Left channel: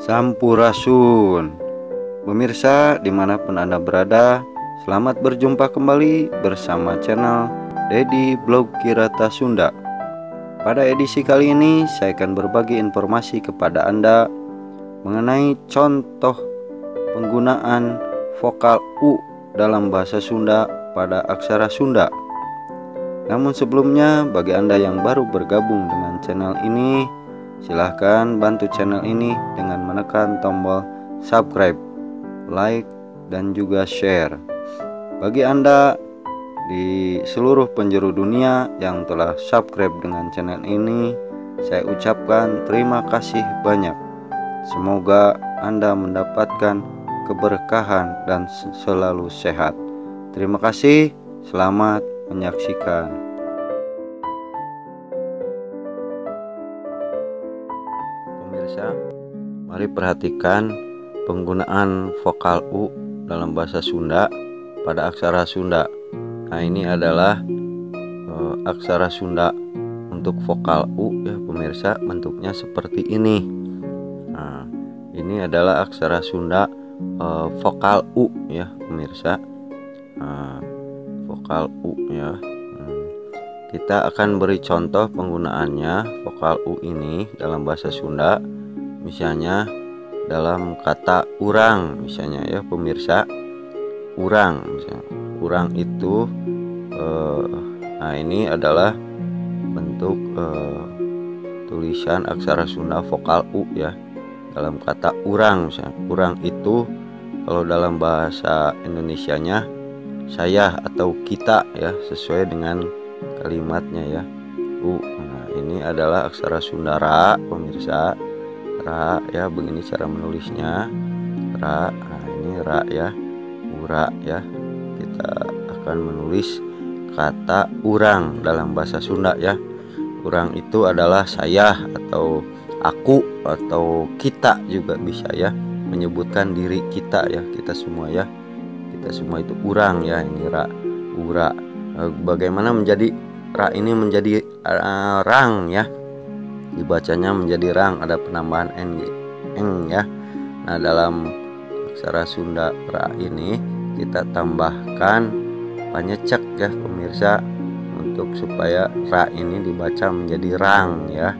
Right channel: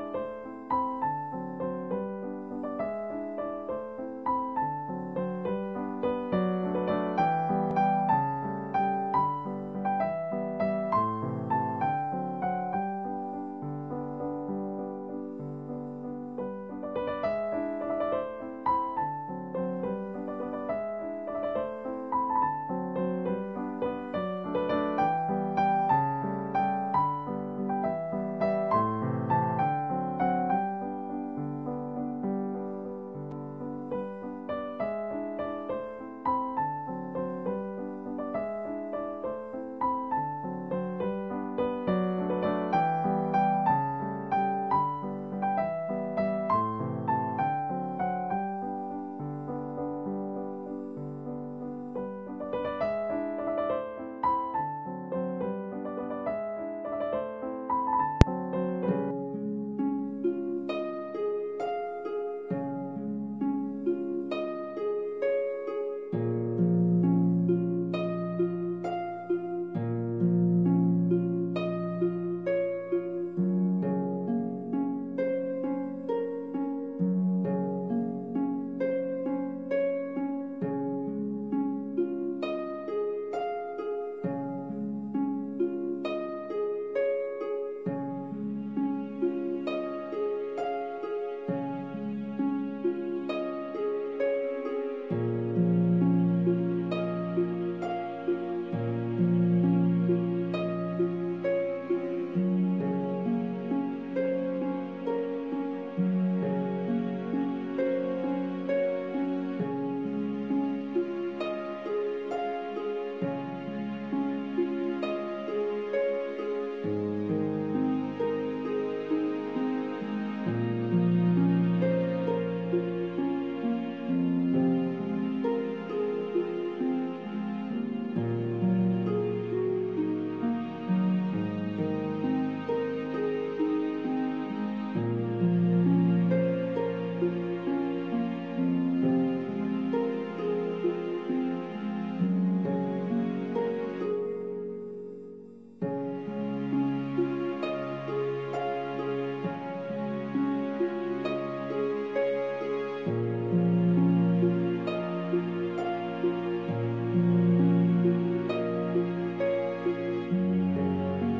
Sampurasun. Pemirsa dimanapun Anda berada, selamat berjumpa kembali bersama channel Dedi Blog Kirata Sunda. Pada edisi kali ini saya akan berbagi informasi kepada Anda mengenai contoh penggunaan vokal U dalam bahasa Sunda pada aksara Sunda. Namun sebelumnya, bagi Anda yang baru bergabung dengan channel ini, silahkan bantu channel ini dengan menekan tombol subscribe, like, dan juga share. Bagi Anda di seluruh penjuru dunia yang telah subscribe dengan channel ini, saya ucapkan terima kasih banyak. Semoga Anda mendapatkan keberkahan dan selalu sehat. Terima kasih, selamat menyaksikan. Pemirsa, mari perhatikan penggunaan vokal U dalam bahasa Sunda pada aksara Sunda. Nah, ini adalah aksara Sunda untuk vokal U ya pemirsa, bentuknya seperti ini. Nah, ini adalah aksara Sunda vokal U ya pemirsa. Vokal U ya. Kita akan beri contoh penggunaannya vokal U ini dalam bahasa Sunda. Misalnya dalam kata urang, misalnya ya pemirsa, urang misalnya. Urang itu nah ini adalah bentuk tulisan aksara Sunda vokal U ya dalam kata urang. Misalnya urang itu kalau dalam bahasa Indonesianya saya atau kita ya, sesuai dengan kalimatnya ya. U. Nah, ini adalah aksara Sunda ra pemirsa. Ra ya, begini cara menulisnya. Ra. Nah, ini ra ya. Ura ya. Kita akan menulis kata urang dalam bahasa Sunda ya. Urang itu adalah saya atau aku atau kita juga bisa ya, menyebutkan diri kita ya, kita semua ya. Kita semua itu urang ya, ini ra, ura. Bagaimana menjadi ra ini menjadi rang ya, dibacanya menjadi rang, ada penambahan eng ya. Nah, dalam aksara Sunda ra ini kita tambahkan panyecek ya pemirsa, untuk supaya ra ini dibaca menjadi rang ya,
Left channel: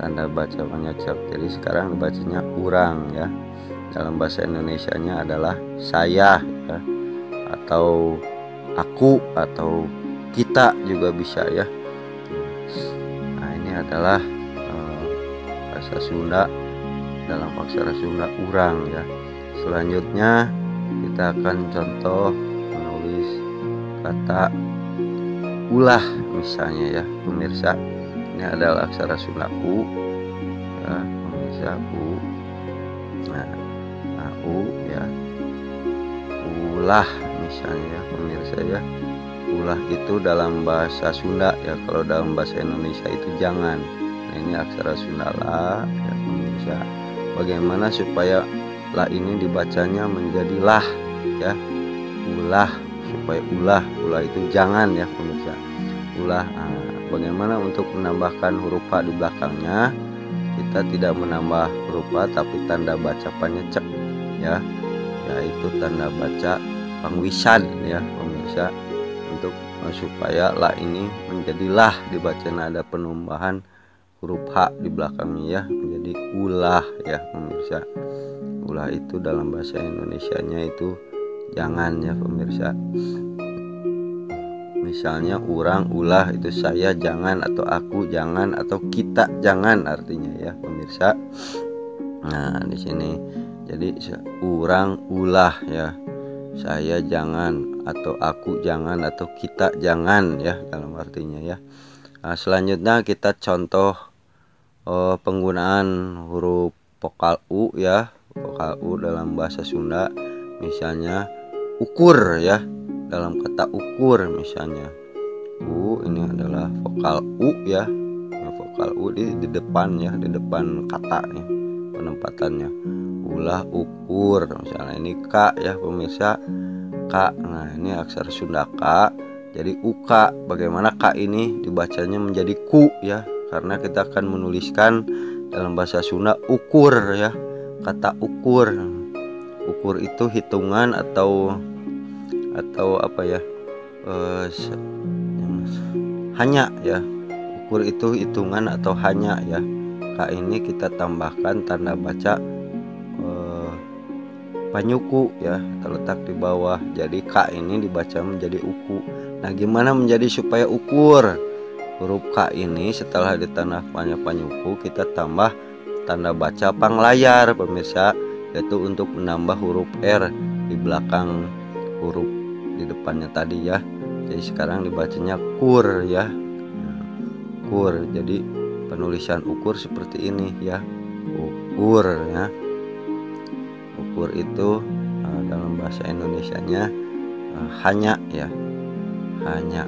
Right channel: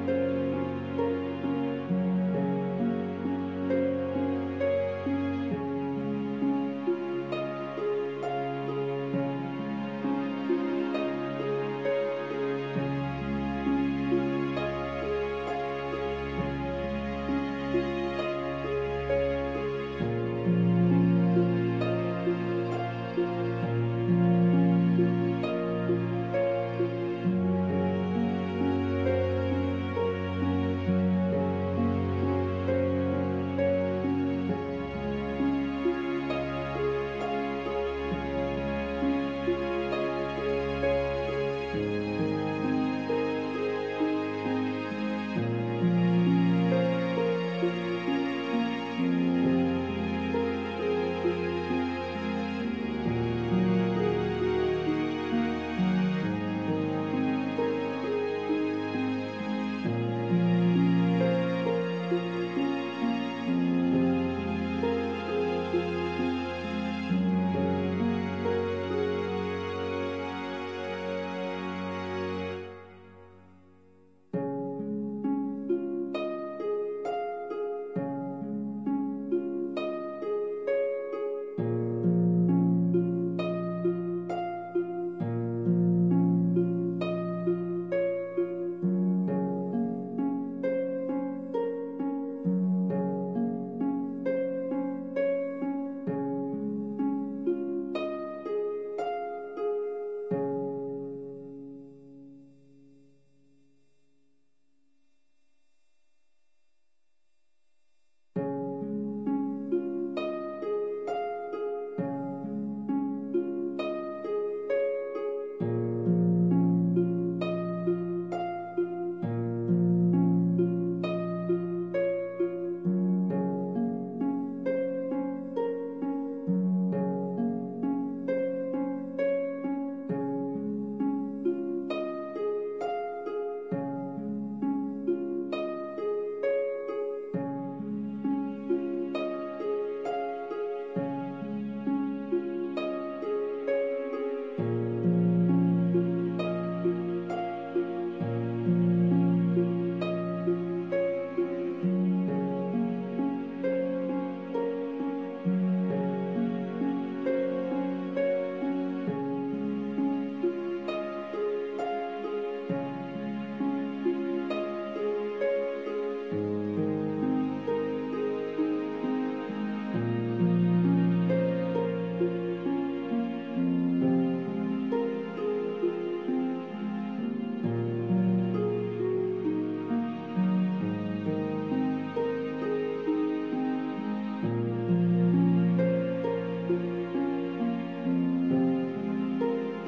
tanda baca panyecek. Jadi sekarang dibacanya urang ya. Dalam bahasa Indonesianya adalah saya ya, atau aku atau kita juga bisa ya. Nah, ini adalah bahasa Sunda dalam aksara Sunda urang ya. Selanjutnya kita akan contoh menulis kata ulah misalnya ya pemirsa. Ini adalah aksara Sunda U ya pemirsa, U. Ulah misalnya pemirsa ya. Ulah itu dalam bahasa Sunda ya, kalau dalam bahasa Indonesia itu jangan. Ini aksara Sunda la ya pemirsa. Bagaimana supaya la ini dibacanya menjadi lah ya. Ulah, supaya ulah itu jangan ya pemirsa. Ulah. Nah, bagaimana untuk menambahkan huruf H di belakangnya? Kita tidak menambah huruf H tapi tanda baca panyecek ya, yaitu tanda baca pangwisan ya pemirsa, untuk supaya la ini menjadi lah, dibacanya ada penambahan huruf H di belakangnya ya, menjadi ulah ya pemirsa. Ulah itu dalam bahasa Indonesianya itu jangan ya pemirsa. Misalnya urang, ulah itu saya jangan, atau aku jangan, atau kita jangan artinya ya pemirsa. Nah, di sini jadi urang, ulah ya, saya jangan, atau aku jangan, atau kita jangan ya dalam artinya ya. Nah, selanjutnya kita contoh penggunaan huruf vokal U ya, vokal U dalam bahasa Sunda. Misalnya ukur ya, dalam kata ukur misalnya U, ini adalah vokal U ya. Ini vokal U di depan ya, di depan kata nih penempatannya. Ulah, ukur misalnya. Ini K ya pemirsa, K. Nah, ini aksara Sunda K, jadi UK. Bagaimana K ini dibacanya menjadi ku ya, karena kita akan menuliskan dalam bahasa Sunda ukur ya. kata ukur. Ukur itu hitungan atau apa ya, hanya ya. Ukur itu hitungan atau hanya ya. K ini kita tambahkan tanda baca panyuku ya, terletak di bawah. Jadi K ini dibaca menjadi uku. Nah, gimana menjadi supaya ukur? Huruf K ini setelah ditambahkannya panyuku, kita tambah tanda baca panglayar pemirsa, yaitu untuk menambah huruf R di belakang huruf di depannya tadi ya. Jadi sekarang dibacanya kur ya, ukur. Jadi penulisan ukur seperti ini ya, ukur ya. Ukur itu dalam bahasa Indonesianya hanya ya, hanya.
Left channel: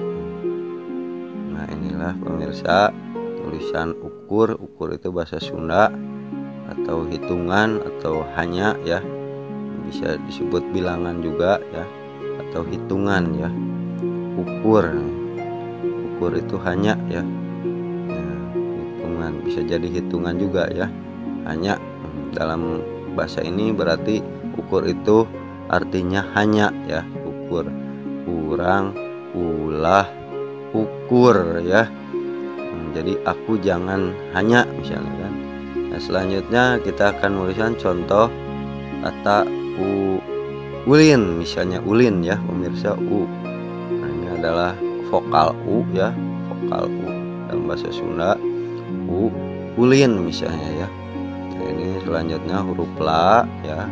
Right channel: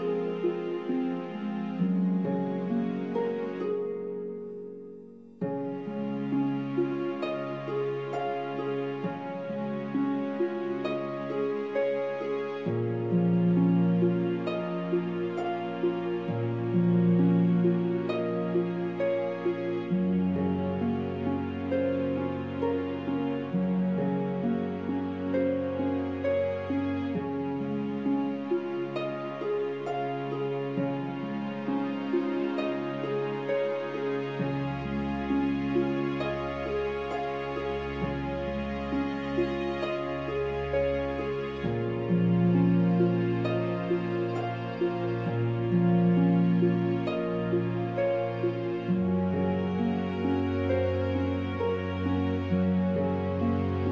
Nah, inilah pemirsa tulisan ukur. Ukur itu bahasa Sunda atau hitungan atau hanya ya, bisa disebut bilangan juga ya, atau hitungan ya. Ukur itu hanya ya, hitungan bisa jadi hitungan juga ya. Hanya dalam bahasa ini berarti ukur itu artinya hanya ya, ukur, kurang, ulah, ukur ya. Jadi aku jangan hanya misalnya kan. Nah, selanjutnya kita akan menuliskan contoh kata ulin, misalnya ulin ya pemirsa, nah, ini adalah vokal U ya, vokal U dalam bahasa Sunda, ulin misalnya ya. Nah, ini selanjutnya huruf la ya,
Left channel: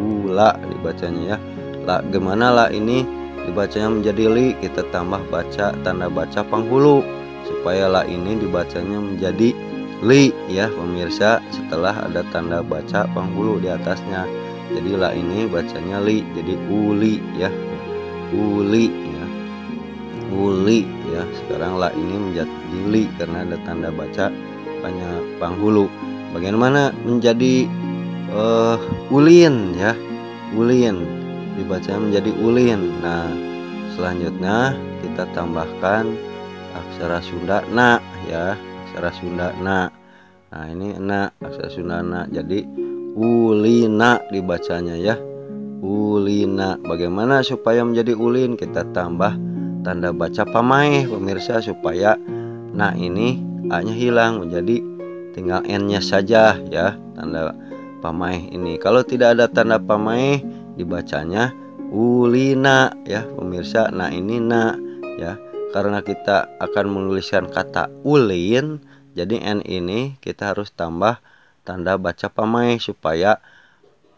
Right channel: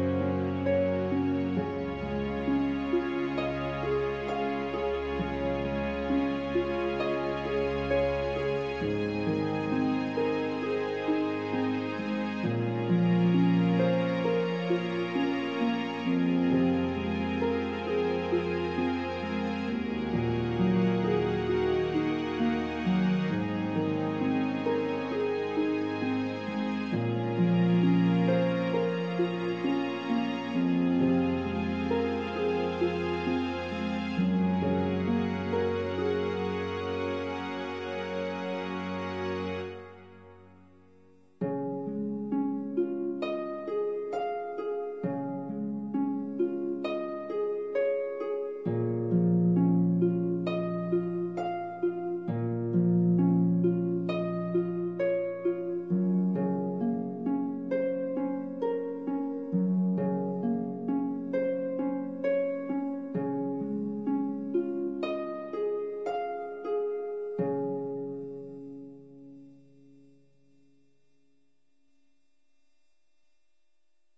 ula dibacanya ya. La, gimana la ini dibacanya menjadi li? Kita tambah baca tanda baca penghulu supaya la ini dibacanya menjadi li ya pemirsa, setelah ada tanda baca penghulu di atasnya. Jadi la ini bacanya li, jadi uli ya, uli ya, uli ya. Sekarang la ini menjadi li karena ada tanda baca penghulu. Bagaimana menjadi ulin ya, ulin dibaca menjadi ulin. Nah, selanjutnya kita tambahkan aksara Sunda na ya, aksara Sunda na. Nah, ini na, aksara Sunda na, jadi ulina dibacanya ya, ulina. Bagaimana supaya menjadi ulin? Kita tambah tanda baca pamaih pemirsa, supaya na ini a nya hilang, menjadi tinggal n nya saja ya, tanda pamaih ini. Kalau tidak ada tanda pamaih dibacanya ulina ya pemirsa. Nah, ini na ya, karena kita akan menuliskan kata ulin, jadi n ini kita harus tambah tanda baca pamaih supaya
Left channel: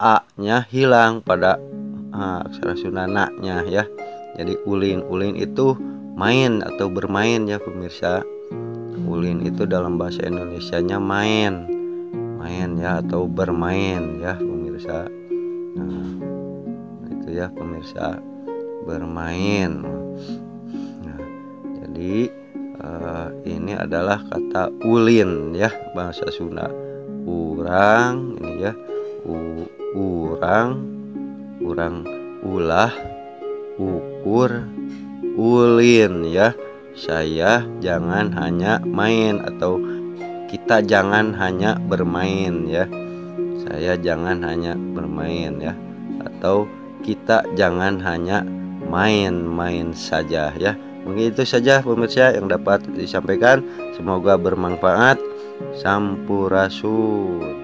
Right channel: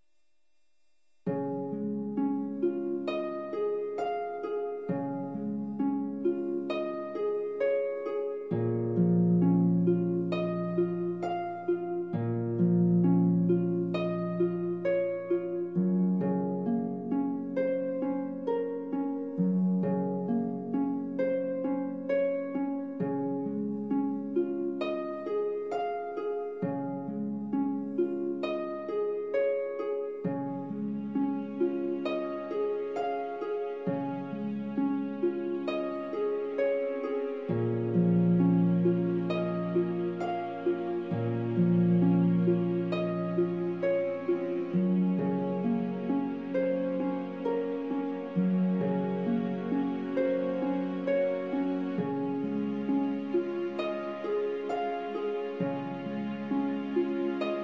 a nya hilang pada aksara Sunda na nya ya. Jadi ulin, ulin itu main atau bermain ya pemirsa. Ulin itu dalam bahasa Indonesianya main, main ya, atau bermain ya pemirsa. Nah, itu ya pemirsa, bermain. Nah, jadi ini adalah kata ulin ya bahasa Sunda. Urang ini ya, urang, ulah, ukur, ulin ya. Saya jangan hanya main, atau kita jangan hanya bermain ya. Saya jangan hanya bermain ya, atau kita jangan hanya main-main saja ya. Mungkin itu saja pemirsa yang dapat disampaikan. Semoga bermanfaat. Sampurasun.